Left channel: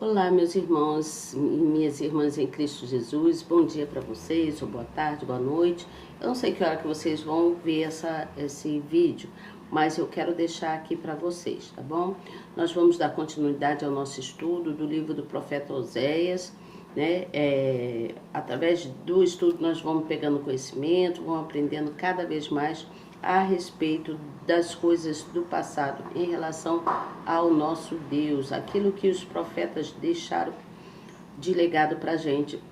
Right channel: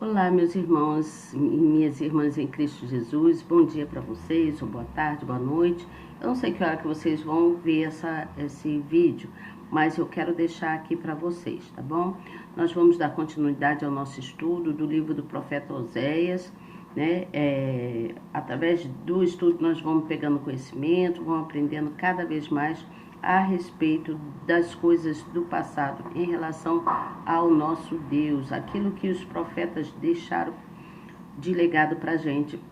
Olá, meus irmãos e minhas irmãs em Cristo Jesus. Bom dia para vocês, ou boa tarde, boa noite. Eu não sei que hora que vocês vão ver esse vídeo, mas eu quero deixar aqui para vocês, tá bom? Nós vamos dar continuidade ao nosso estudo do livro do profeta Oséias, né? Através do estudo nós vamos pegando conhecimento, vamos aprendendo cada vez mais a respeito das coisas do passado em relação ao nosso Deus, aquilo que os profetas deixaram de legado para a gente,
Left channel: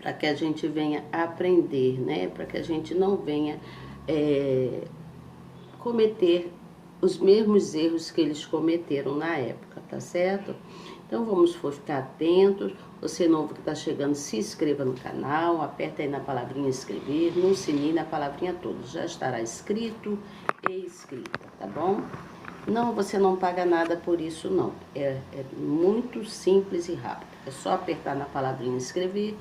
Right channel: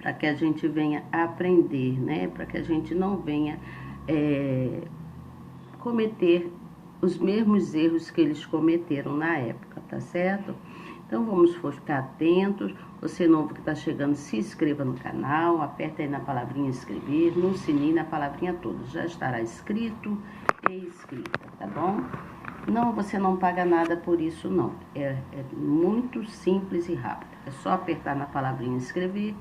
para que a gente venha aprender, né? Para que a gente não venha cometer os mesmos erros que eles cometeram na época, tá certo? Então vamos ficar atentos. Você novo que está chegando, se inscreva no canal, aperta aí na palavrinha inscrever, no sininho, na palavrinha toda. Já estará inscrito e inscrita, tá bom? Não, você não paga nada por isso não. É muito simples e rápido. É só apertar na palavrinha inscrever,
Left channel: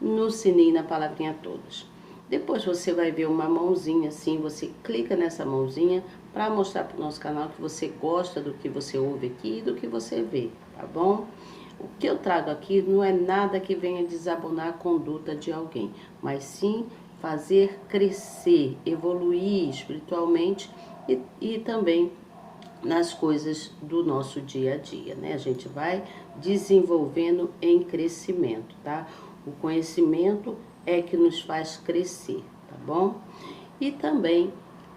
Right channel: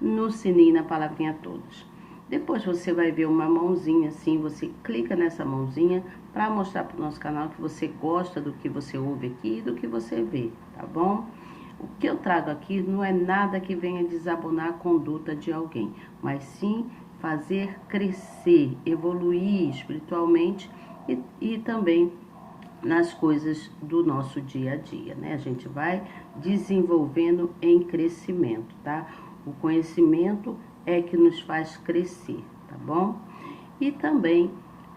no sininho, na palavrinha todas. Depois você vai ver uma mãozinha assim, você clica nessa mãozinha para mostrar para o nosso canal que você gosta do que você ouve aqui e do que você vê, tá bom? O que eu trago aqui não é nada que venha desabonar a conduta de alguém, mas sim fazer crescer, evoluir espiritualmente e também nas coisas do nosso dia a dia, né? A gente vai desenvolvendo em crescimento, tá? O conhecimento é que nos faz crescer, tá bom? E também,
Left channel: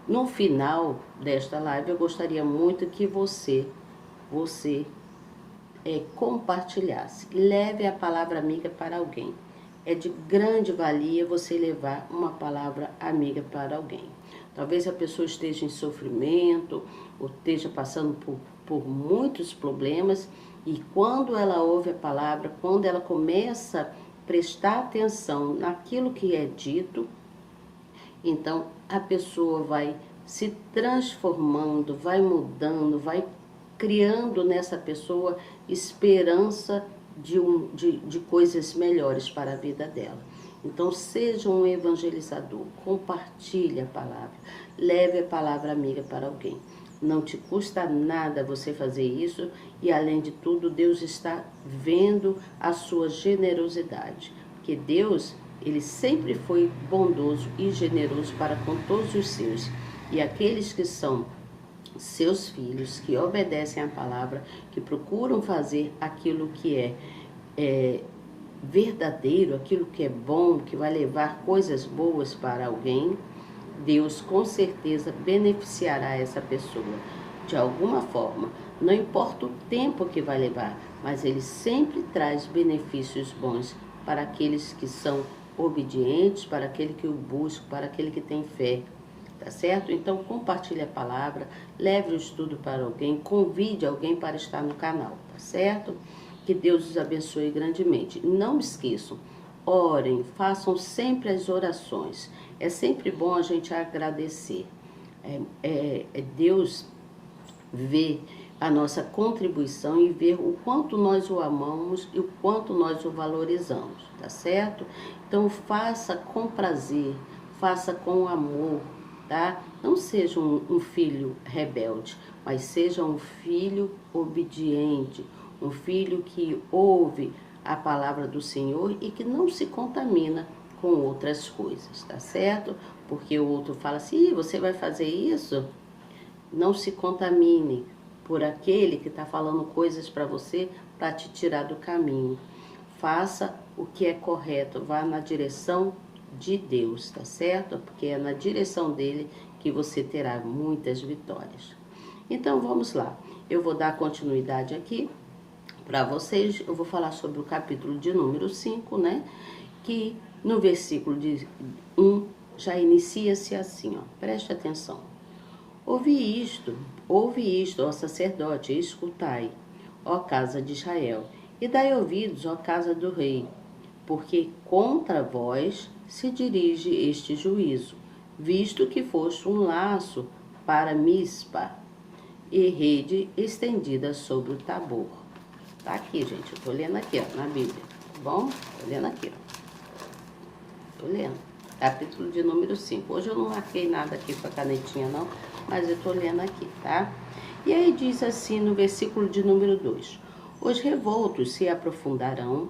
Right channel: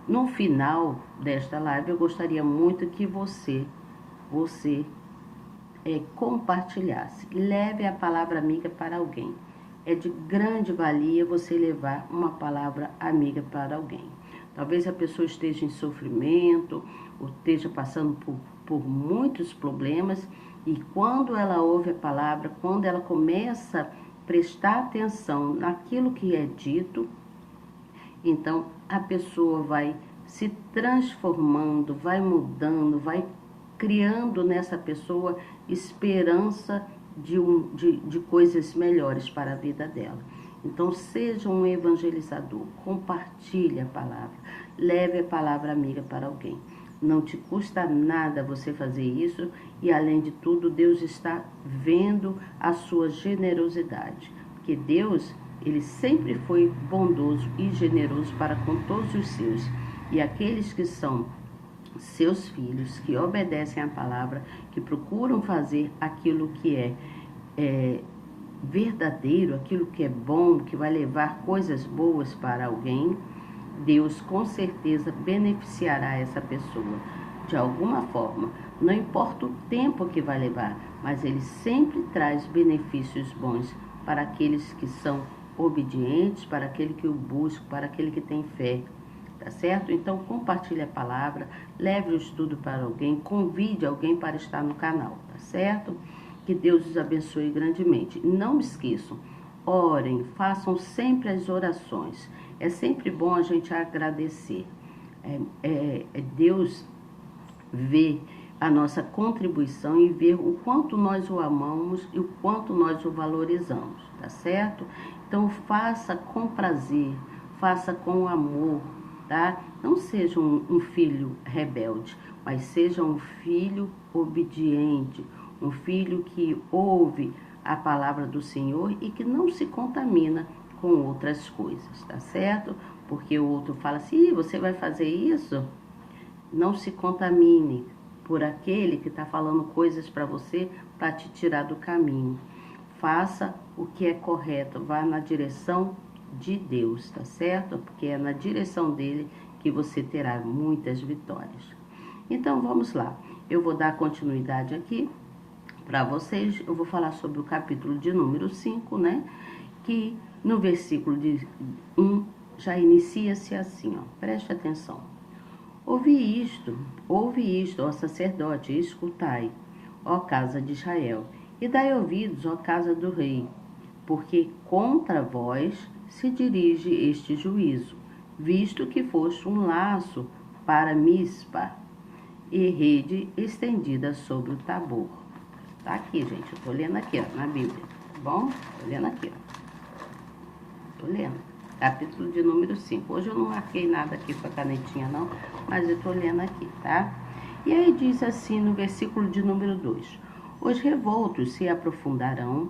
no final desta live, eu gostaria muito que você compartilhasse. Leve a palavra amiga para alguém. É de grande valia você levar uma palavra amiga para alguém. Talvez a pessoa esteja em sofrimento, ou esteja passando por muitos problemas, e quando ela ouve a palavra, quando ela começa a prestar atenção naquilo que é dito, então a pessoa vai se transformando, vai mudando, vai criando nessa pessoa esperança de coisas melhores para a vida dela. Então seja um evangelizador, compartilhe a palavra, leve a palavra amiga para alguém. Não te custa nada você fazer isso e, além de tudo, Deus está vendo a sua generosidade. Porque Deus, Ele sempre foi bondoso e generoso para com todos os seus. E aqueles que são seus filhos, que obedecem à palavra, que procuram fazer aquilo que é verdadeiro, aquilo que é bom, que vai levar coisas boas para alguém, Deus com certeza beneficiará essa pessoa de alguma forma. Não importa o tempo que vai levar, mas Ele sempre traz benefícios bons para aqueles que são obedientes, para aquele que o busca, para aquele que tem fé. Tá certo? Então compartilhe a palavra, leve o estudo para alguém, convide alguém para estar no canal, tá certo? Que Deus os abençoe grandemente. Não esqueçam, orem, façam sempre as orações. É sempre bom a gente agradecer. Deus vê a nossa contribuição e vê o quanto nós o amamos e o quanto nós o valorizamos, tá certo? Então faça com prazer, faça com amor, tá? Não seja um filho rebelde, mas seja um filho obediente, um filho que ouve a palavra do Senhor e que não se contamina com outras coisas, tá certo? Porque o outro fala assim, você vai fazer isso? Não se contamine por aquele que está falando coisas para você para te tirar do caminho. Faça o que é correto, vá na direção de Deus, tá certo? Porque é na direção dele que você terá muitas vitórias. Então vamos lá, eu vou dar continuidade aqui para vocês. Eu vou falar sobre o capítulo de número 5, né? Que no versículo de 1 já inicia-se assim, ó. Preste atenção. Ouve isto, ó sacerdote, e escutai, ó casa de Israel, e dai ouvidos, ó casa do rei, porque contra vós se dirige este juízo, visto que foste um laço para Mispa e rede estendida sobre o Tabor. Tá aqui, gente, eu tô lendo aqui, ó, na Bíblia, tá bom? Tô lendo aqui, ó. Tô lendo. Capítulo de número 5. Hoje eu não marquei nada aqui com a canetinha, não, mas eu tô lendo aqui, tá? E aí diz assim no versículo de número 2. Os revoltos se aprofundaram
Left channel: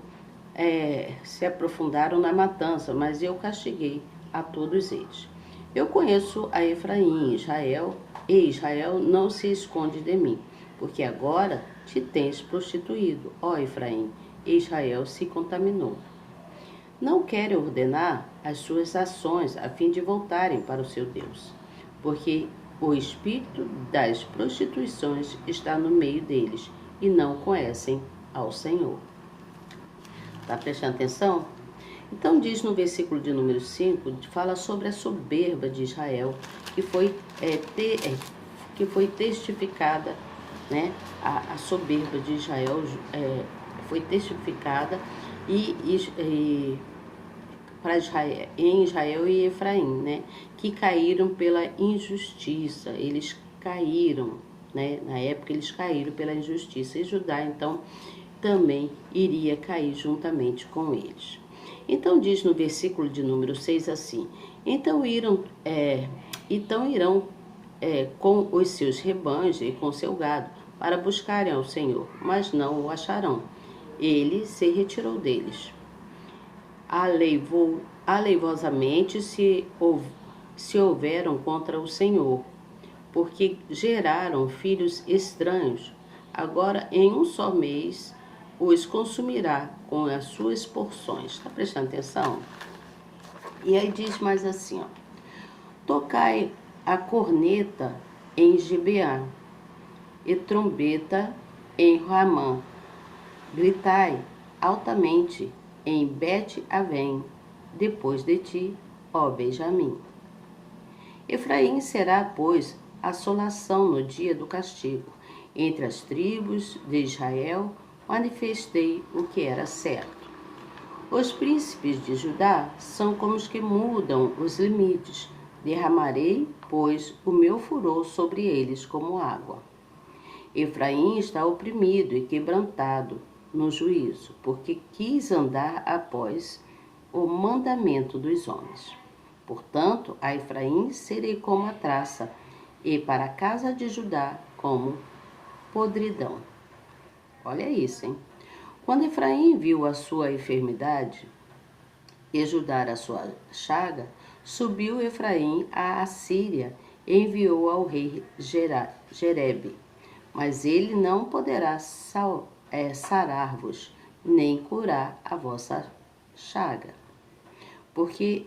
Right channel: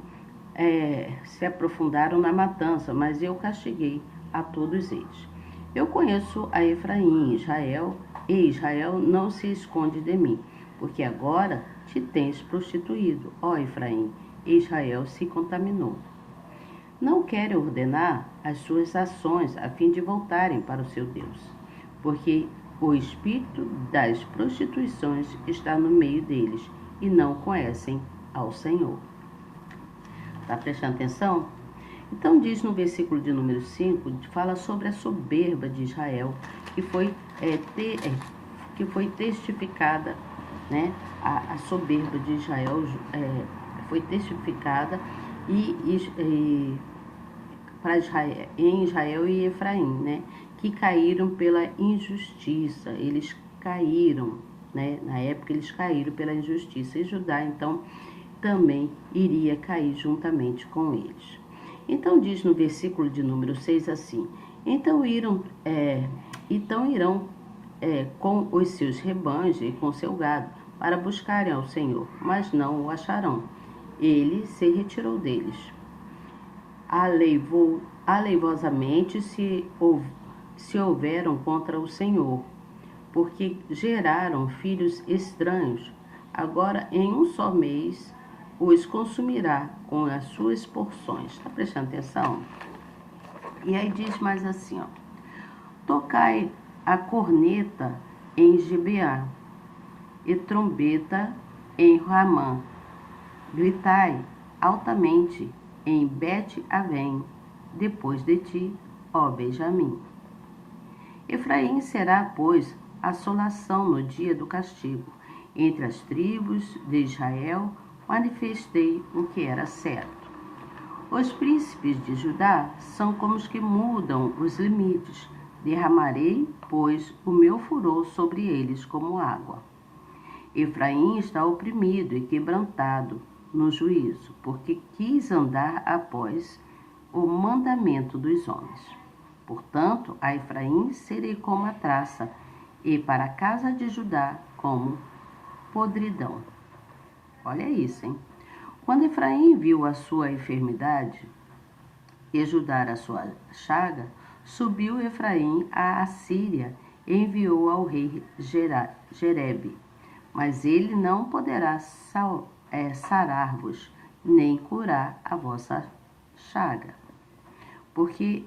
na matança, mas eu castiguei a todos eles. Eu conheço a Efraim e Israel não se esconde de mim, porque agora te tens prostituído, ó Efraim, e Israel se contaminou. Não querem ordenar as suas ações a fim de voltarem para o seu Deus, porque o espírito das prostituições está no meio deles e não conhecem ao Senhor. Está prestando atenção? Então diz no versículo de número 5, fala sobre a soberba de Israel, que foi testificada, né? A soberba de Israel foi testificada para Israel, em Israel e Efraim, né? Que caíram pela injustiça. Eles caíram, né? Na época eles caíram pela injustiça. E Judá, então, também iria cair juntamente com eles. Então diz no versículo de número 6 assim: Então irão com os seus rebanhos e com seu gado para buscarem ao Senhor, mas não o acharão. Ele se retirou deles. Aleivosamente se houveram contra o Senhor, porque geraram filhos estranhos. Agora, em um só mês, os consumirá com as suas porções. Está prestando atenção? E aí diz mais assim, ó: Tocai a corneta em Gibeá e trombeta em Ramã. Gritai altamente em Bet-Avém, depois de ti, ó Benjamim. Efraim será, pois, assolação no dia do castigo. Entre as tribos de Israel manifestei o que era certo. Os príncipes de Judá são como os que mudam os limites. Derramarei, pois, o meu furor sobre eles como água. Efraim está oprimido e quebrantado no juízo, porque quis andar após o mandamento dos homens. Portanto, a Efraim serei como a traça, e para a casa de Judá como podridão. Olha isso, hein? Quando Efraim viu a sua enfermidade e Judá a sua chaga, subiu Efraim à Assíria e enviou ao rei Jerebe. Mas ele não poderá sarar-vos, nem curar a vossa chaga. Porque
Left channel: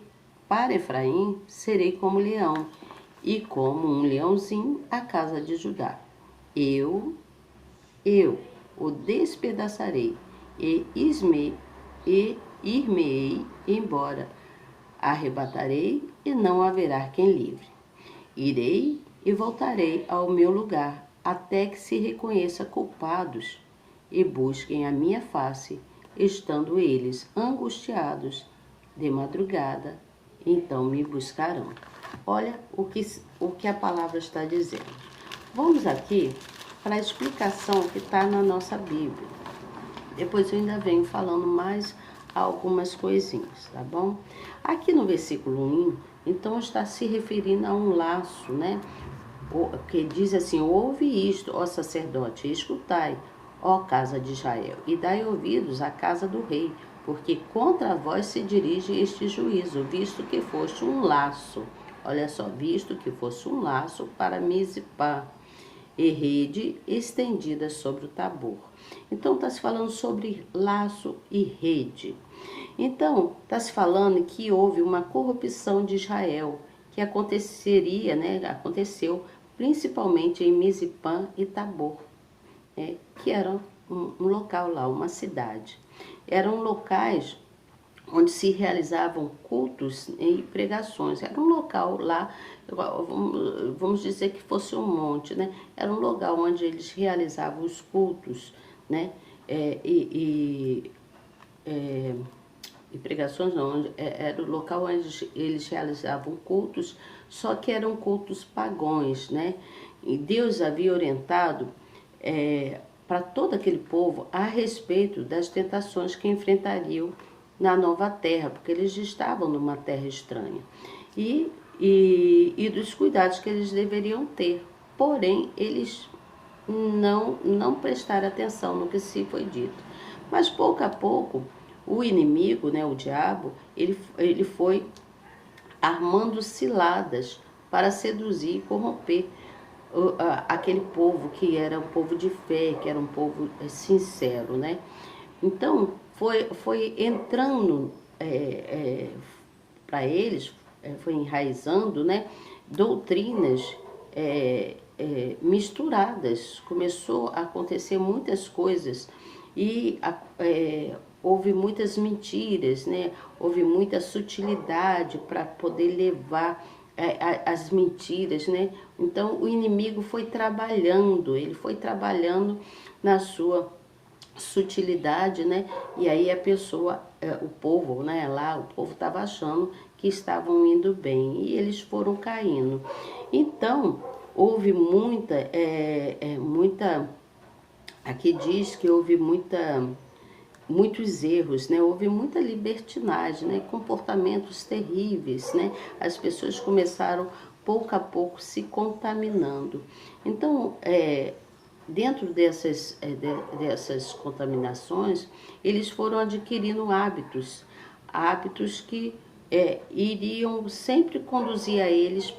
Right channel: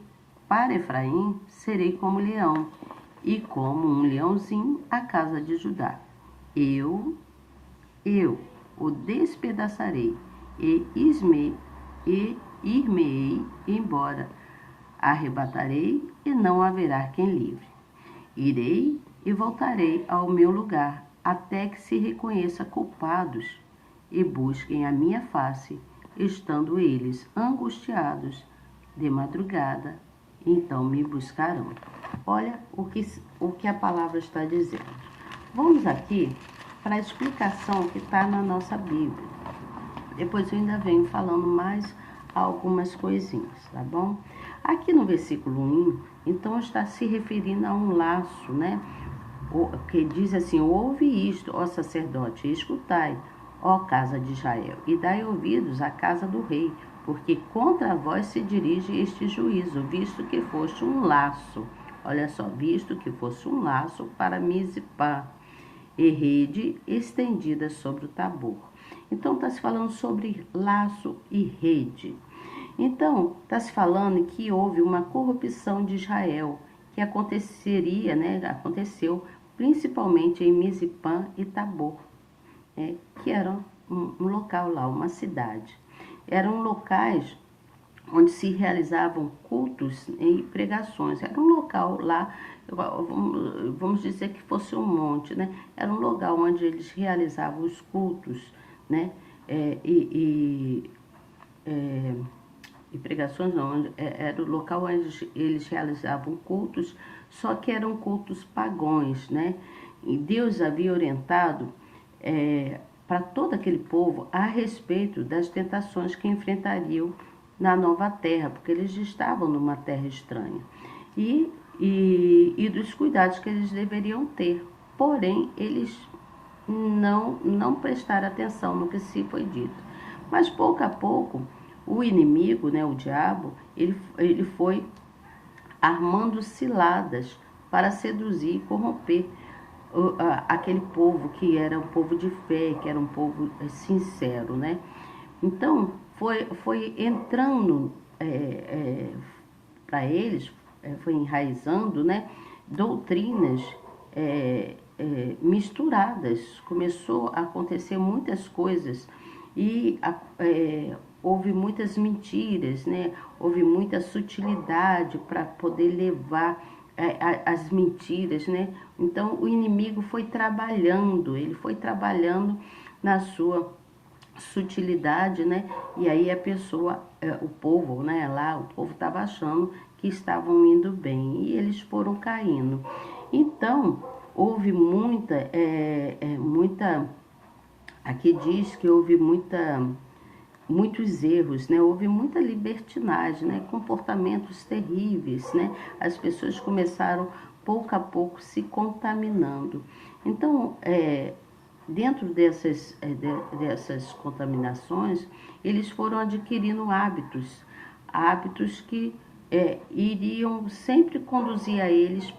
para Efraim serei como leão, e como um leãozinho a casa de Judá. Eu o despedaçarei e ir-me-ei embora. Arrebatarei e não haverá quem livre. Irei e voltarei ao meu lugar, até que se reconheça culpados e busquem a minha face, estando eles angustiados de madrugada, então me buscarão. Olha o que a palavra está dizendo. Vamos aqui para a explicação que está na nossa Bíblia. Depois eu ainda venho falando mais algumas coisinhas, tá bom? Aqui no versículo 1, então está se referindo a um laço, né? Que diz assim: ouve isto, ó sacerdote, e escutai, ó casa de Israel, e dai ouvidos à casa do rei, porque contra vós se dirige este juízo, visto que foste um laço. Olha só, visto que fosse um laço para Mizpá, e rede estendida sobre o Tabor. Então, está se falando sobre laço e rede. Então, está se falando que houve uma corrupção de Israel, que aconteceria, né? Aconteceu principalmente em Mizpã e Tabor, que era um local lá, uma cidade. Eram locais onde se realizavam cultos e pregações. Era um local lá, vamos dizer que fosse um monte, né? Era um lugar onde eles realizavam os cultos, né? E pregações não, era o local onde eles realizavam cultos, só que eram cultos pagãos, né? E Deus havia orientado para todo aquele povo a respeito das tentações que enfrentariam na nova terra, porque eles estavam numa terra estranha, e dos cuidados que eles deveriam ter. Porém, eles não prestar atenção no que se foi dito. Mas pouco a pouco, o inimigo, né, o diabo, ele foi armando ciladas para seduzir e corromper aquele povo que era um povo de fé, que era um povo sincero, né? Então, foi entrando para eles, foi enraizando, né, doutrinas misturadas. Começou a acontecer muitas coisas e houve muitas mentiras, né? Houve muita sutilidade para poder levar as mentiras, né? Então o inimigo foi trabalhando, ele foi trabalhando na sua sutilidade, né? E aí a pessoa, o povo, né? Lá o povo estava achando que estavam indo bem e eles foram caindo. Então houve muita, aqui diz que houve muitos erros, né? Houve muita libertinagem, né? Comportamentos terríveis, né? As pessoas começaram pouco a pouco se contaminando. Então, dentro dessas contaminações, eles foram adquirindo hábitos que iriam sempre conduzir a eles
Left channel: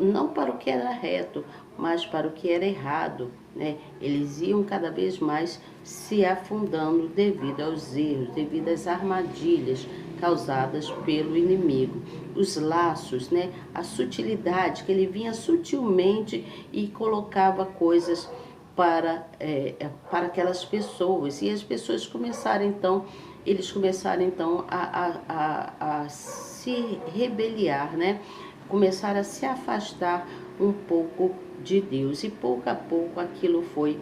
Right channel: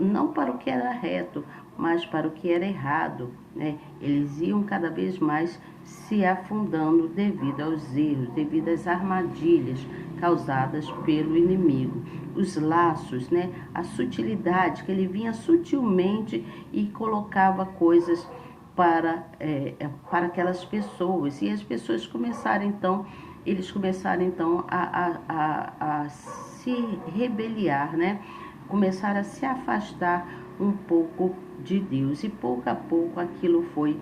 não para o que era reto, mas para o que era errado, né? Eles iam cada vez mais se afundando devido aos erros, devido às armadilhas causadas pelo inimigo. Os laços, né? A sutilidade, que ele vinha sutilmente e colocava coisas para aquelas pessoas. E as pessoas começaram então a se rebeliar, né? Começaram a se afastar um pouco de Deus. E pouco a pouco aquilo foi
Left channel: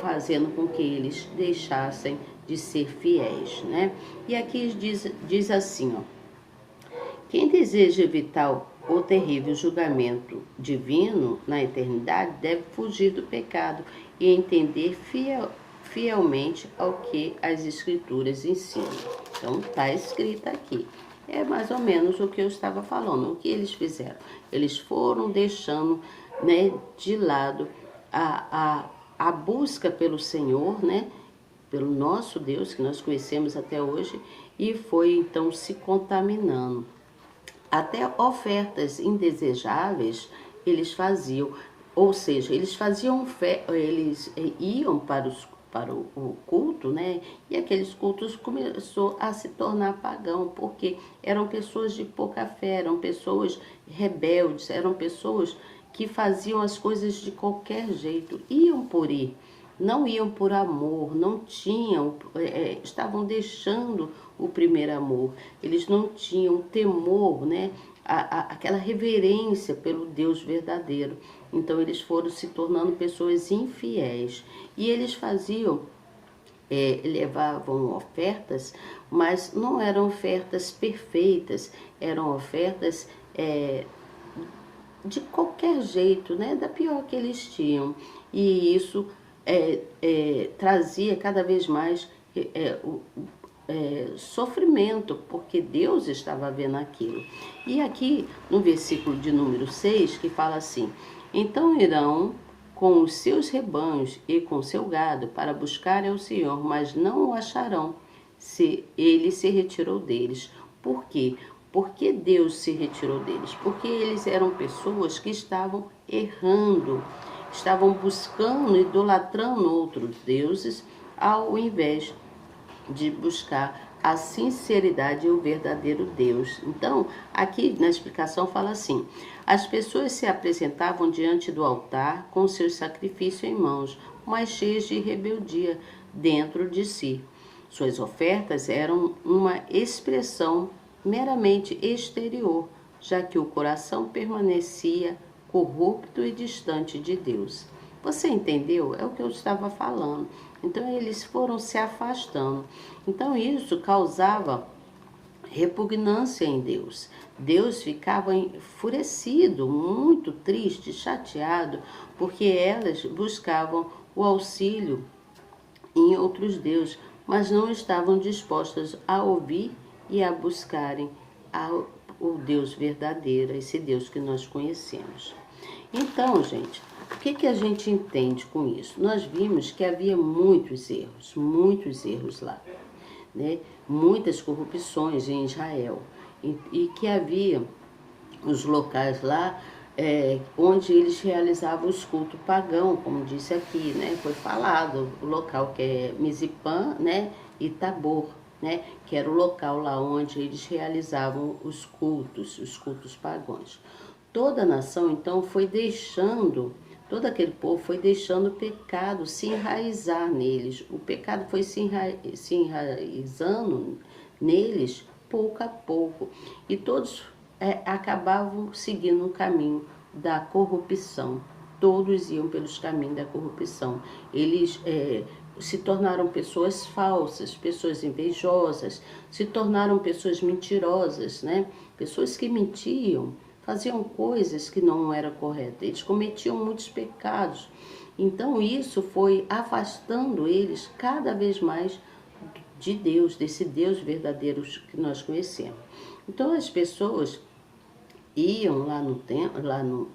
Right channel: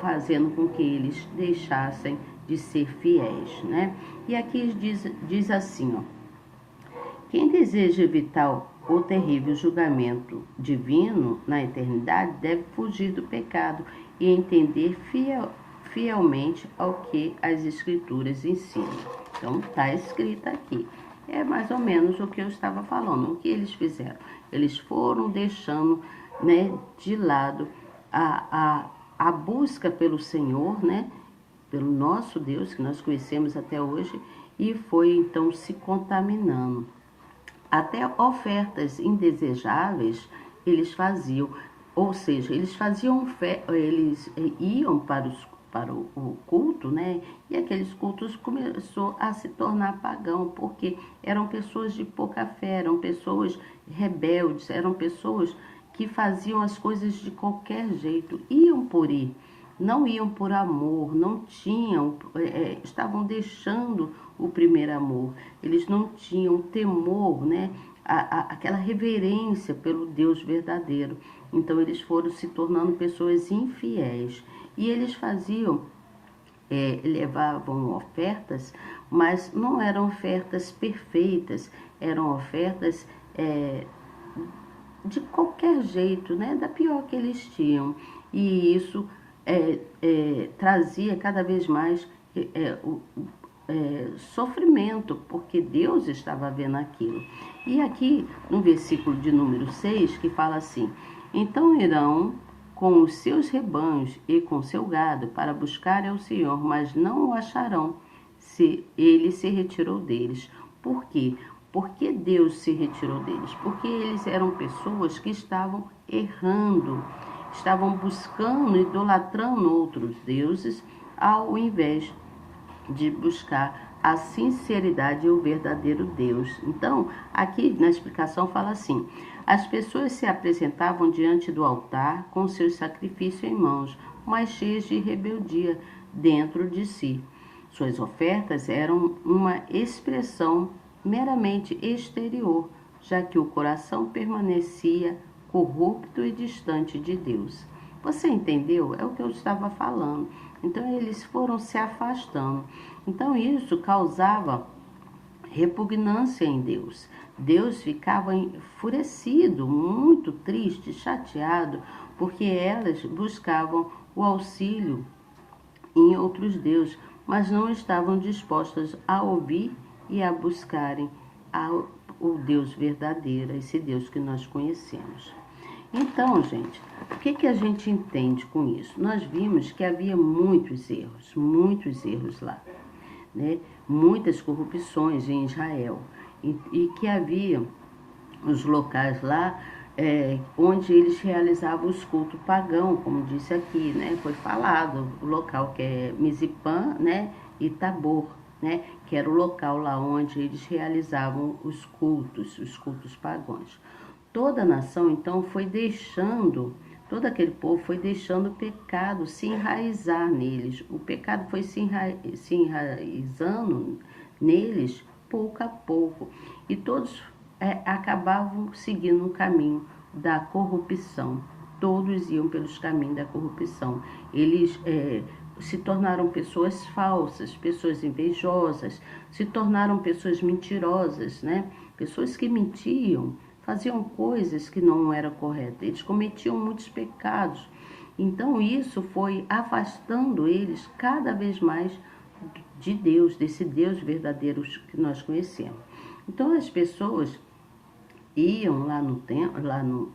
fazendo com que eles deixassem de ser fiéis, né? E aqui diz assim, ó: quem deseja evitar o terrível julgamento divino na eternidade deve fugir do pecado e entender fielmente ao que as Escrituras ensinam. Então, está escrito aqui. É mais ou menos o que eu estava falando. O que eles fizeram? Eles foram deixando, né, de lado a busca pelo Senhor, né, pelo nosso Deus, que nós conhecemos até hoje, e foi então se contaminando. Até ofertas indesejáveis eles faziam, ou seja, eles iam para o culto, né? E aqueles cultos começou a se tornar pagão, porque eram pessoas de pouca fé, eram pessoas rebeldes, eram pessoas que faziam as coisas de qualquer jeito, iam por ir, não iam por amor, não tinham, estavam deixando o primeiro amor, eles não tinham temor, né? Aquela reverência pelo Deus verdadeiro. Então eles foram se tornando pessoas infiéis. E eles faziam, levavam ofertas, mas não eram ofertas perfeitas, eram ofertas de qualquer jeito, né? Da pior que eles tinham. E isso trazia cada vez mais sofrimento, porque Deus estava vendo aquilo. E aqui no versículo de número 6, que fala assim: então irão com os seus rebanhos e com seu gado para buscar ao Senhor, mas não o acharão, se ele se retirou deles. Por quê? Porque Deus se retirou deles? Porque eles eram pessoas que estavam errando, estavam buscando, idolatrando outros deuses, ao invés de buscar a sinceridade e o verdadeiro Deus. Então, aqui na explicação fala assim: as pessoas se apresentavam diante do altar com seus sacrifícios em mãos, mas cheias de rebeldia dentro de si. Suas ofertas eram uma expressão meramente exterior, já que o coração permanecia corrupto e distante de Deus. Você entendeu? É o que eu estava falando. Então eles foram se afastando. Então isso causava repugnância em Deus. Deus ficava enfurecido, muito triste, chateado, porque elas buscavam o auxílio em outros deuses, mas não estavam dispostas a ouvir e a buscarem o Deus verdadeiro, esse Deus que nós conhecemos. Então, gente, o que que a gente entende com isso? Nós vimos que havia muitos erros lá, né? Muitas corrupções em Israel, e que havia os locais lá onde eles realizavam os cultos pagãos, como disse aqui, né? Foi falado, o local que é Mizipã, né? E Tabor, né? Que era o local lá onde eles realizavam os cultos pagãos. Toda a nação, então, todo aquele povo foi deixando o pecado se enraizar neles. O pecado foi se enraizando neles pouco a pouco. E todos acabavam seguindo o caminho da corrupção. Todos iam pelos caminhos da corrupção. Eles se tornaram pessoas falsas, pessoas invejosas, se tornaram pessoas mentirosas, né? Pessoas que mentiam, faziam coisas que não eram corretas. Eles cometiam muitos pecados. Então isso foi afastando eles cada vez mais de Deus, desse Deus verdadeiro que nós conhecemos. Então as pessoas iam lá no templo,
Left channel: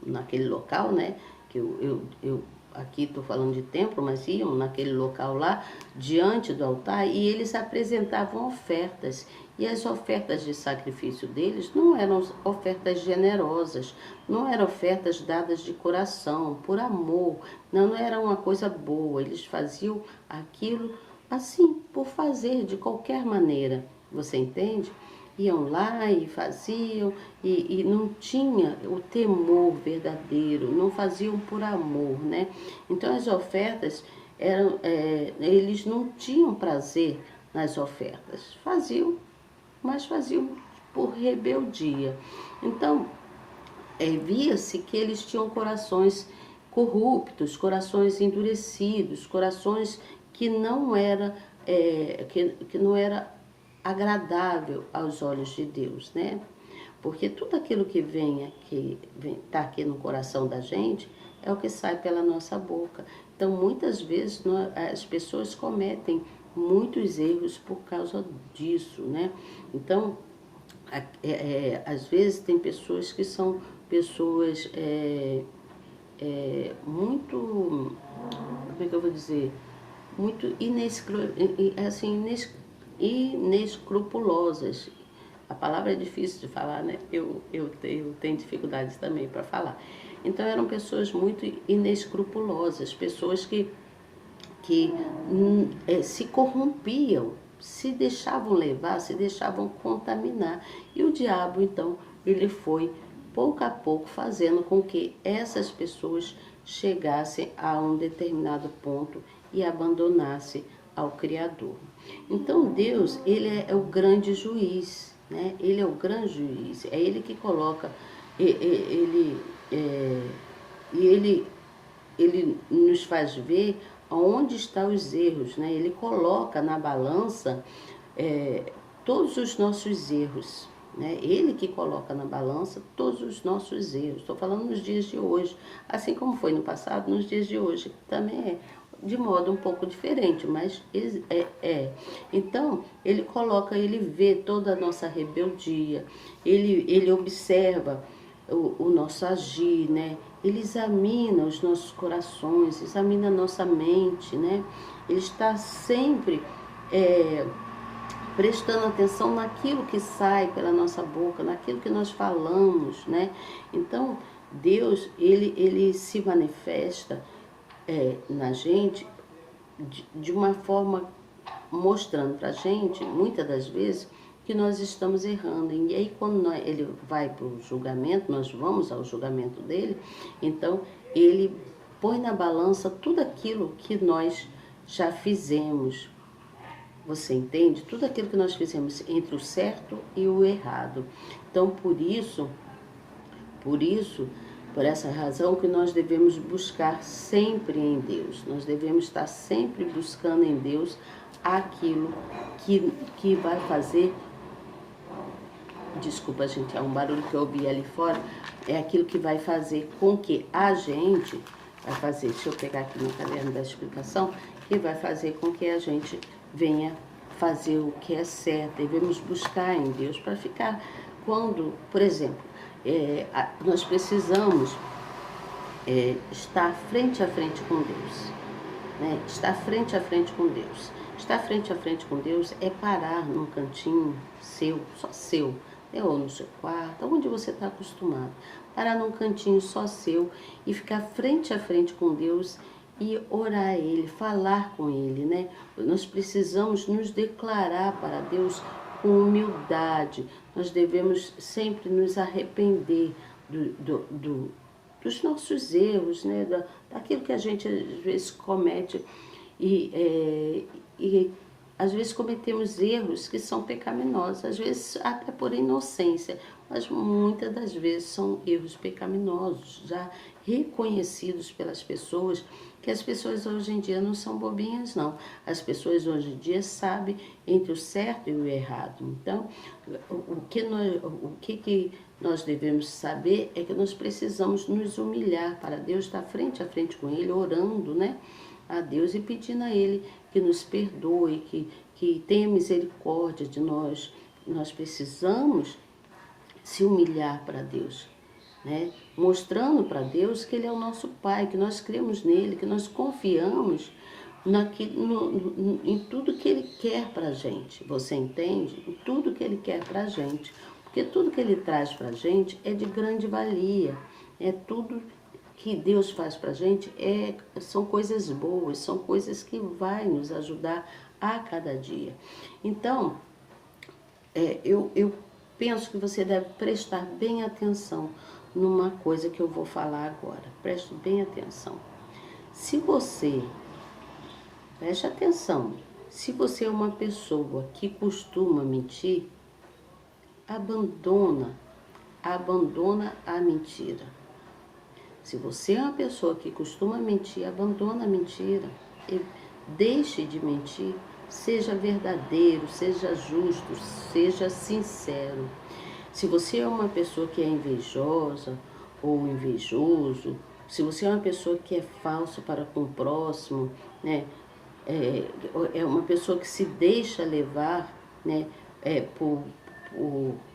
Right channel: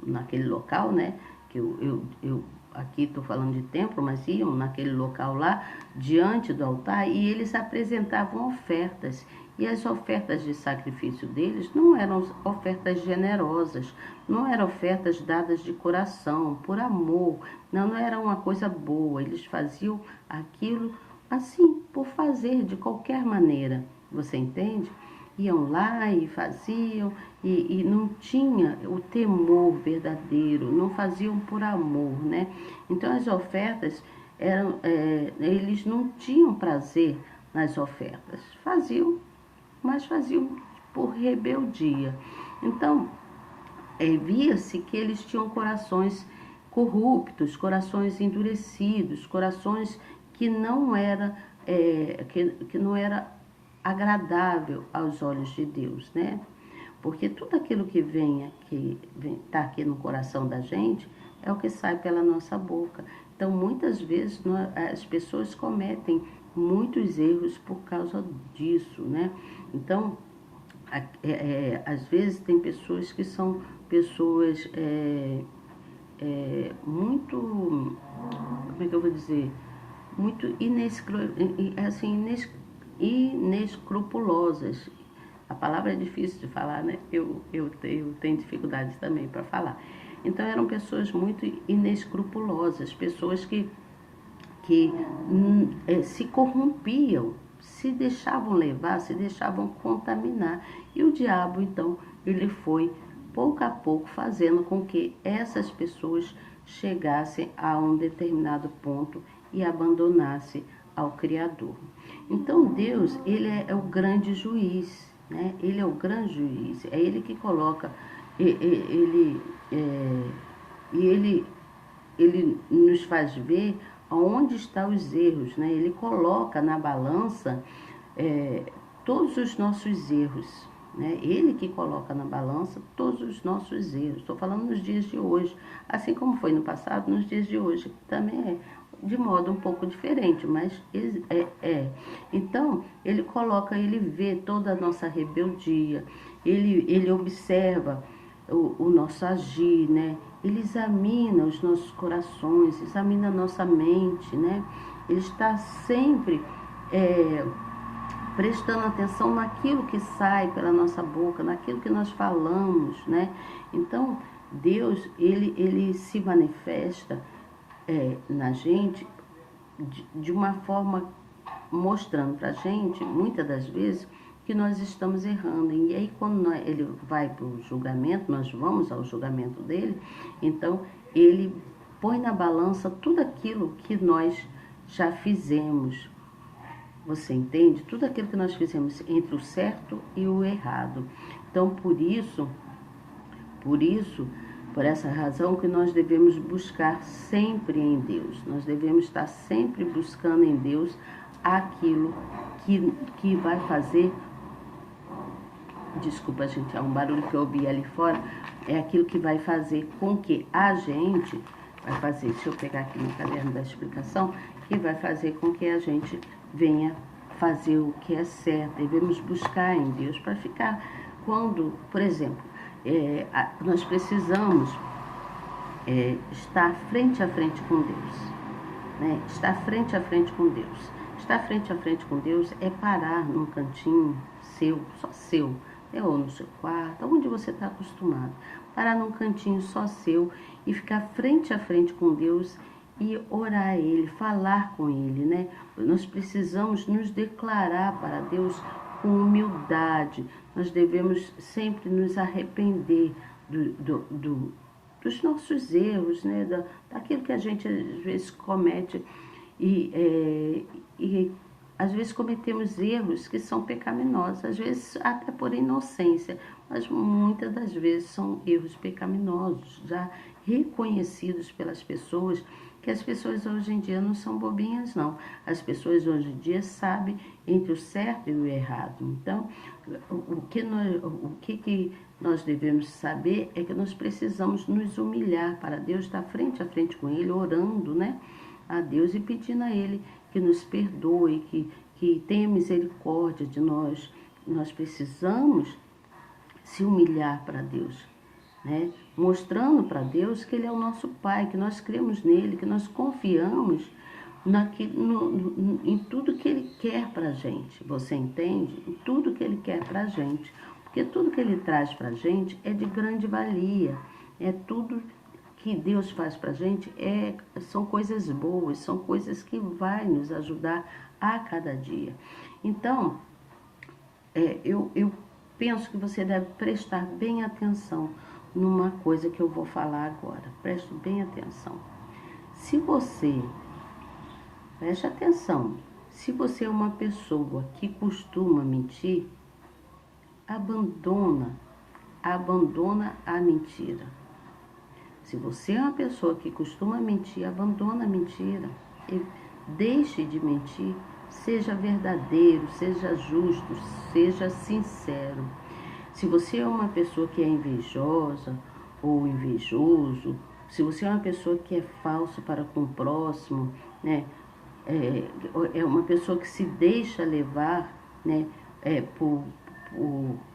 naquele local, né? Que eu aqui estou falando de templo, mas iam naquele local lá, diante do altar, e eles apresentavam ofertas. E as ofertas de sacrifício deles não eram ofertas generosas, não eram ofertas dadas de coração, por amor, não era uma coisa boa. Eles faziam aquilo assim, por fazer, de qualquer maneira, você entende? Iam lá e faziam, e não tinha o temor verdadeiro, não faziam por amor, né? Então as ofertas eles não tinham prazer nas ofertas, mas faziam por rebeldia. Então, via-se que eles tinham corações corruptos, corações endurecidos, corações que não era agradável aos olhos de Deus, né? Porque tudo aquilo que tá aqui no coração da gente é o que sai pela nossa boca. Então, muitas vezes as pessoas cometem muitos erros por causa disso, né? Então, às vezes tem pessoas que são pessoas muito, como é que eu vou dizer, muito inescrupulosas. A palavra é difícil de falar, né? Eu tenho dificuldades também para falar. Então eram pessoas muito inescrupulosas, pessoas que se corrompiam, se deixavam levar, se deixavam contaminar. E o diabo, então, ele foi pouco a pouco fazendo com que essas pessoas chegassem a um determinado ponto e abandonassem ao Criador. Então Deus, ele é o grande juiz, né? Ele é o grande juiz, é ele que coloca, ele nos faz ver aonde estão os erros, né? Ele coloca na balança todos os nossos erros, né? Ele que coloca na balança todos os nossos erros. Estou falando nos dias de hoje, assim como foi no passado, nos dias de hoje, que também é de modo um pouco diferente, mas Então, ele vê toda a nossa rebeldia, ele observa o nosso agir, né? Ele examina os nossos corações, examina a nossa mente, né? Ele está sempre prestando atenção naquilo que sai pela nossa boca, naquilo que nós falamos, né? Então, Deus, ele se manifesta na gente de uma forma mostrando pra gente, muitas das vezes, que nós estamos errando. E aí, quando ele vai para o julgamento, nós vamos ao julgamento dele, então ele põe na balança tudo aquilo que nós já fizemos. Você entende? Tudo aquilo que nós fizemos entre o certo e o errado. Então, por essa razão que nós devemos buscar sempre em Deus. Nós devemos estar sempre buscando em Deus aquilo que vai fazer. Desculpa, gente, é um barulho que eu ouvi ali fora. É aquilo que vai fazer com que a gente deixa eu pegar aqui no caderno da explicação, que vai fazer com que a gente venha fazer o que é certo. Devemos buscar em Deus para ficar, quando, por exemplo, nós precisamos estar frente a frente com Deus. Né? Estar frente a frente com Deus. Estar frente a frente com Deus é parar num cantinho seu, só seu, né? Ou no seu quarto, onde você está acostumado. Parar num cantinho só seu e ficar frente a frente com Deus e orar a Ele, falar com Ele, né? Nós precisamos nos declarar para Deus com humildade. Nós devemos sempre nos arrepender dos nossos erros, né? Daquilo que a gente às vezes comete e às vezes cometemos erros que são pecaminosos, às vezes até por inocência, mas muitas das vezes são erros pecaminosos, já reconhecidos pelas pessoas, que as pessoas hoje em dia não são bobinhas, não. As pessoas hoje em dia sabem entre o certo e o errado. Então, o que nós devemos saber é que nós precisamos nos humilhar para Deus, estar frente a frente com Ele, orando, né, a Deus e pedindo a Ele que nos perdoe, que tenha misericórdia de nós. Nós precisamos se humilhar para Deus, né? Mostrando para Deus que Ele é o nosso Pai, que nós cremos nele, que nós confiamos em tudo que Ele quer para a gente. Você entende? Em tudo que Ele quer para a gente. Porque tudo que Ele traz para a gente é de grande valia. É tudo que Deus faz para a gente, são coisas boas, são coisas que vai nos ajudar a cada dia. Então, eu penso que você deve prestar bem atenção numa coisa que eu vou falar agora. Preste bem atenção. Preste atenção, se você é uma pessoa que costuma mentir, abandona a mentira. Se você é uma pessoa que costuma mentir, abandona a mentira e deixe de mentir. Seja verdadeiro, seja justo, seja sincero. Se você é uma pessoa que é invejosa ou invejoso, se você é uma pessoa que é falso para com o próximo, né, é uma pessoa que se deixa levar, né, por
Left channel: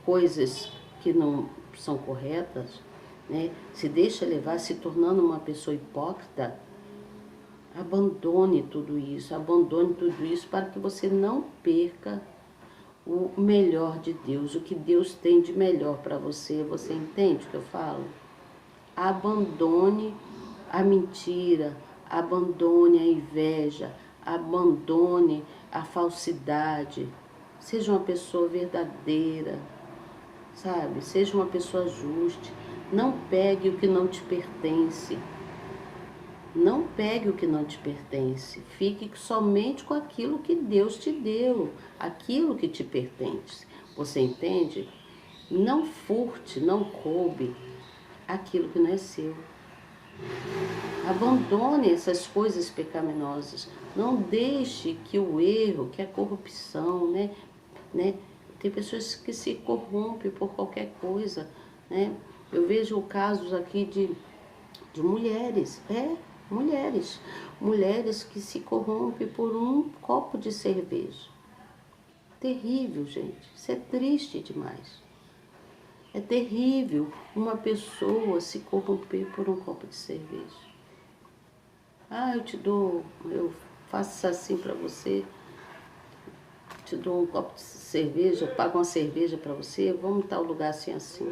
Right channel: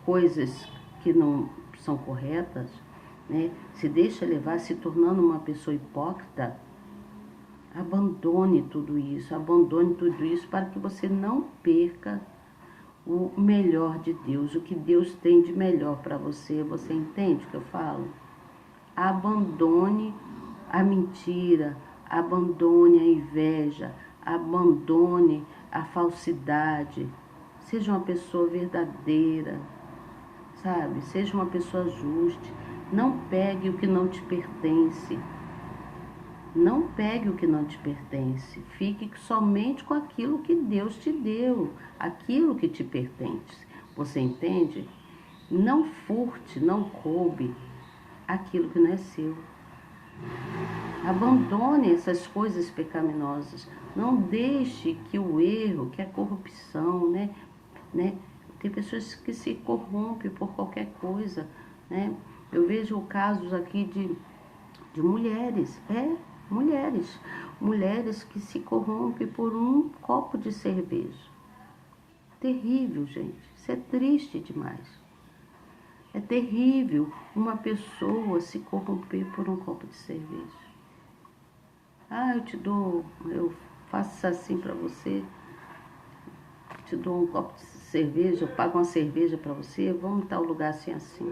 coisas que não são corretas, né, se deixa levar, se tornando uma pessoa hipócrita, abandone tudo isso para que você não perca o melhor de Deus, o que Deus tem de melhor para você. Você entende o que eu falo? Abandone a mentira, abandone a inveja, abandone a falsidade. Seja uma pessoa verdadeira, sabe? Seja uma pessoa justa. Não pegue o que não te pertence. Não pegue o que não te pertence. Fique somente com aquilo que Deus te deu, aquilo que te pertence. Você entende? Não furte, não roube aquilo que não é seu. Abandone essas coisas pecaminosas. Não deixe que o erro, que a corrupção, né? Tem pessoas que se corrompem por qualquer coisa, né? Eu vejo casos aqui de mulheres, mulheres que se corrompem por um copo de cerveja. Terrível, gente. Isso é triste demais. É terrível uma pessoa se corromper por um copo de cerveja. Eu faço assim para você, te dou um copo de cerveja, eu pago uma cerveja para você, vamos em tal lugar assim, assim.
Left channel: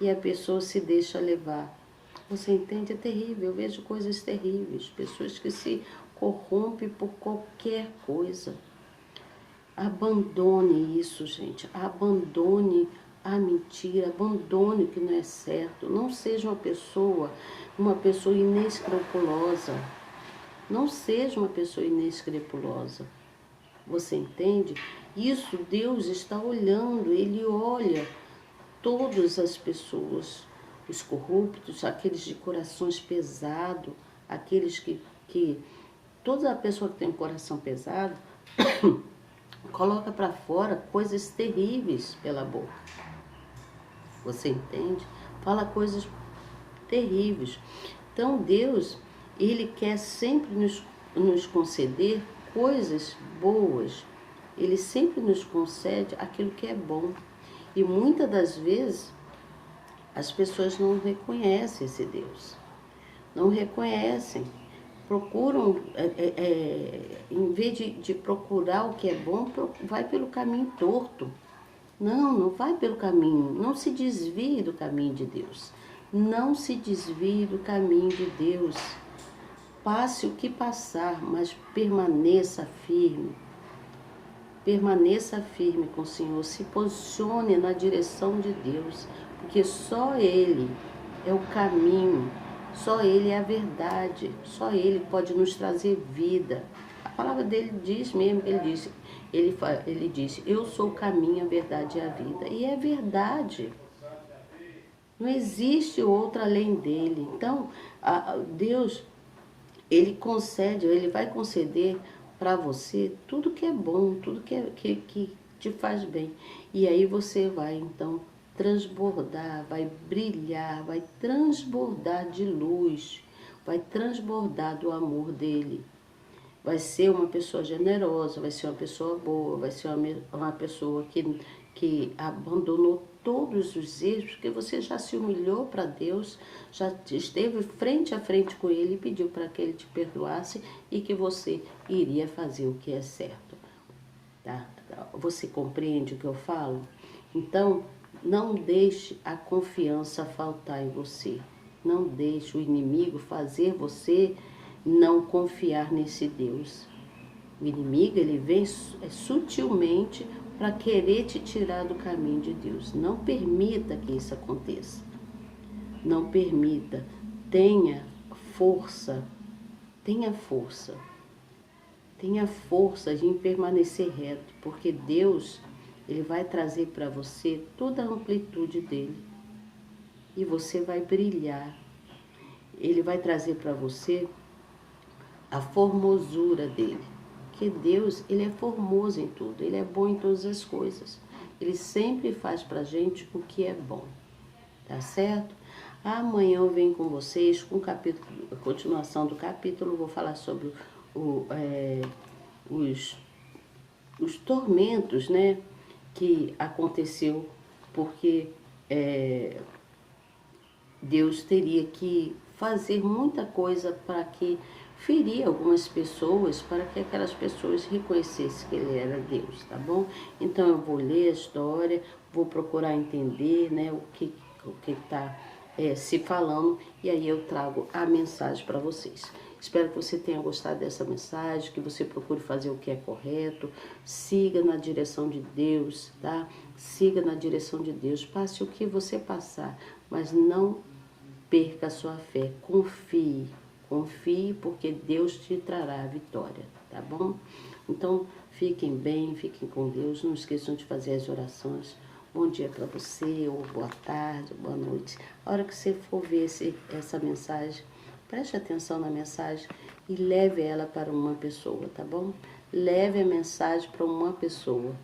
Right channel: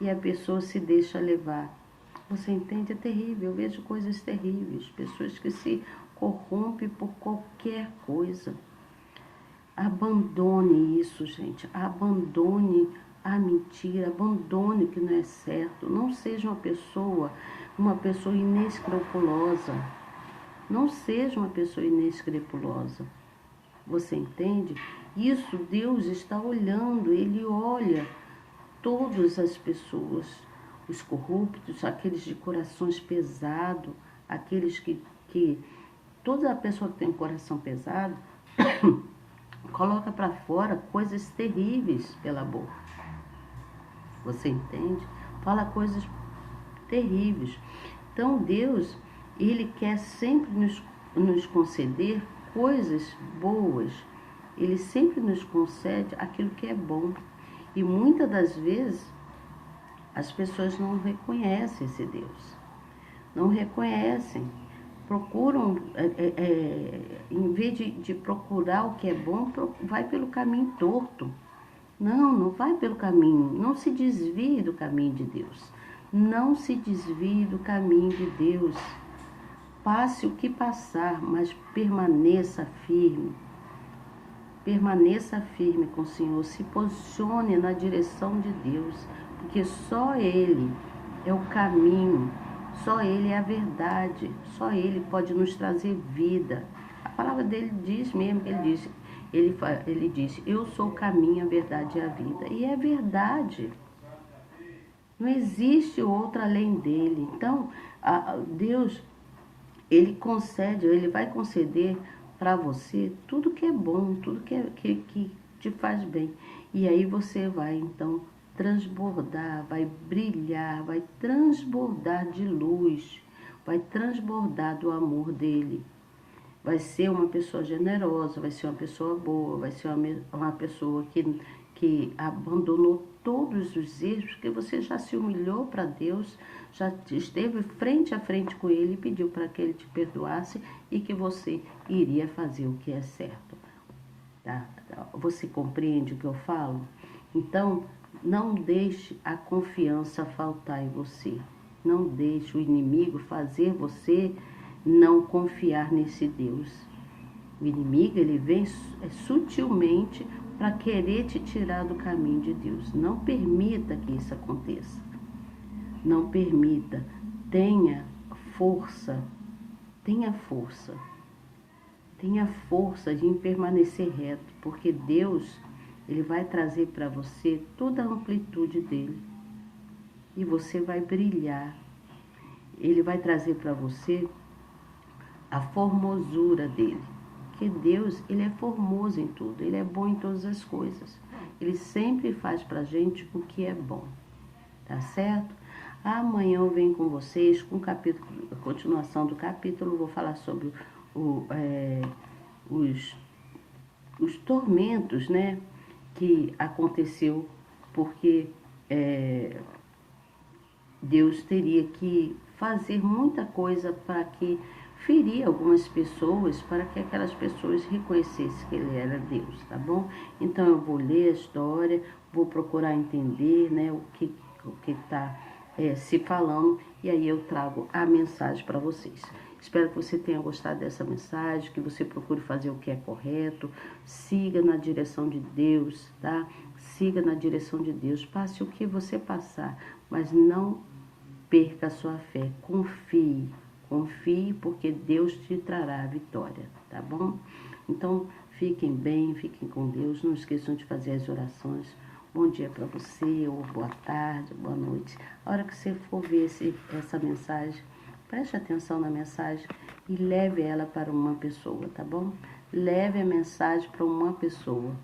E a pessoa se deixa levar. Você entende? É terrível. Eu vejo coisas terríveis. Pessoas que se corrompem por qualquer coisa. Abandone isso, gente. Abandone a mentira. Abandone o que não é certo. Não seja uma pessoa inescrupulosa. Não seja uma pessoa inescrupulosa. Você entende? Isso Deus está olhando. Ele olha todas as pessoas, os corruptos, aqueles de corações pesados, aqueles que toda a pessoa que tem um coração pesado coloca para fora coisas terríveis pela boca. Você entende? Fala coisas terríveis. Então Deus, Ele quer sempre nos conceder coisas boas. Ele sempre nos concede aquilo que é bom. E muitas das vezes as pessoas não reconhecem esse Deus. não reconhecem. Procuram, em vez de procurar o que é bom, vai pelo caminho torto. Não vai pelo caminho, não se desvie do caminho de Deus. Não se desvie do caminho de Deus. Passe o que passar, mas permaneça firme. Permaneça firme com o Senhor, se posicione na direção de Deus, porque só Ele é o caminho, só Ele é a verdade, só Ele pode nos trazer vida. A palavra dele diz mesmo, ele diz, eu sou o caminho, a verdade e a vida. E é verdade, não existe outra além dele. Então, Deus, Ele concede, Ele vai conceder para você tudo que é bom, tudo que te faz bem. E aí você vai, então, transbordar, vai brilhar, vai transbordar de luz, vai transbordar do amor dele. Vai ser uma pessoa generosa, vai ser uma pessoa boa, vai ser uma pessoa que abandonou todos os erros, porque você já se humilhou para Deus, já esteve frente a frente com Ele e pediu para que Ele te perdoasse e que você iria fazer o que é certo. Tá? Você compreende o que eu falo? Então, não deixe a confiança faltar em você. Não deixe o inimigo fazer você não confiar nesse Deus. O inimigo, ele vem sutilmente para querer te tirar do caminho de Deus. Não permita que isso aconteça. Não permita. Tenha força. Tenha força. Tenha força de permanecer reto, porque Deus, ele vai trazer para você toda a amplitude dele. E você vai brilhar. Ele vai trazer para você a formosura dele. Porque Deus, ele é formoso em tudo, ele é bom em todas as coisas. Ele sempre faz pra gente o que é bom, tá certo? Amanhã eu venho com vocês com a continuação do capítulo, vou falar sobre os tormentos, né, que aconteceu, porque Deus teria que fazer muita coisa para que ferir algumas pessoas, para que aquelas pessoas reconhecessem que Ele era Deus, tá bom? Então eu vou ler a história, vou procurar entender, né, o que está se falando, e aí eu trago a mensagem para vocês. Espero que você tenha gostado dessa mensagem, que você procure fazer o que é correto, siga na direção de Deus, tá? Siga na direção de Deus, passe o que você passar, mas não perca a sua fé, confie porque Deus te trará a vitória, tá bom? Então, fiquem bem, fiquem com Deus, não esqueçam de fazer as orações. Bom dia para você, ou boa tarde, boa noite. A hora que você for ver essa mensagem, preste atenção na mensagem e leve ela para uma pessoa, tá bom? Leve a mensagem para uma pessoa.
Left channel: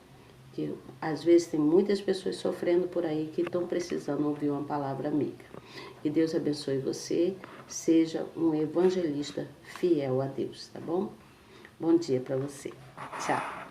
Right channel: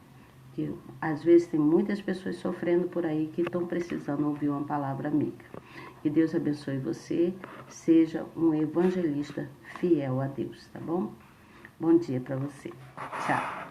Que às vezes tem muitas pessoas sofrendo por aí que estão precisando ouvir uma palavra amiga. Que Deus abençoe você, seja um evangelista fiel a Deus, tá bom? Bom dia para você. Tchau.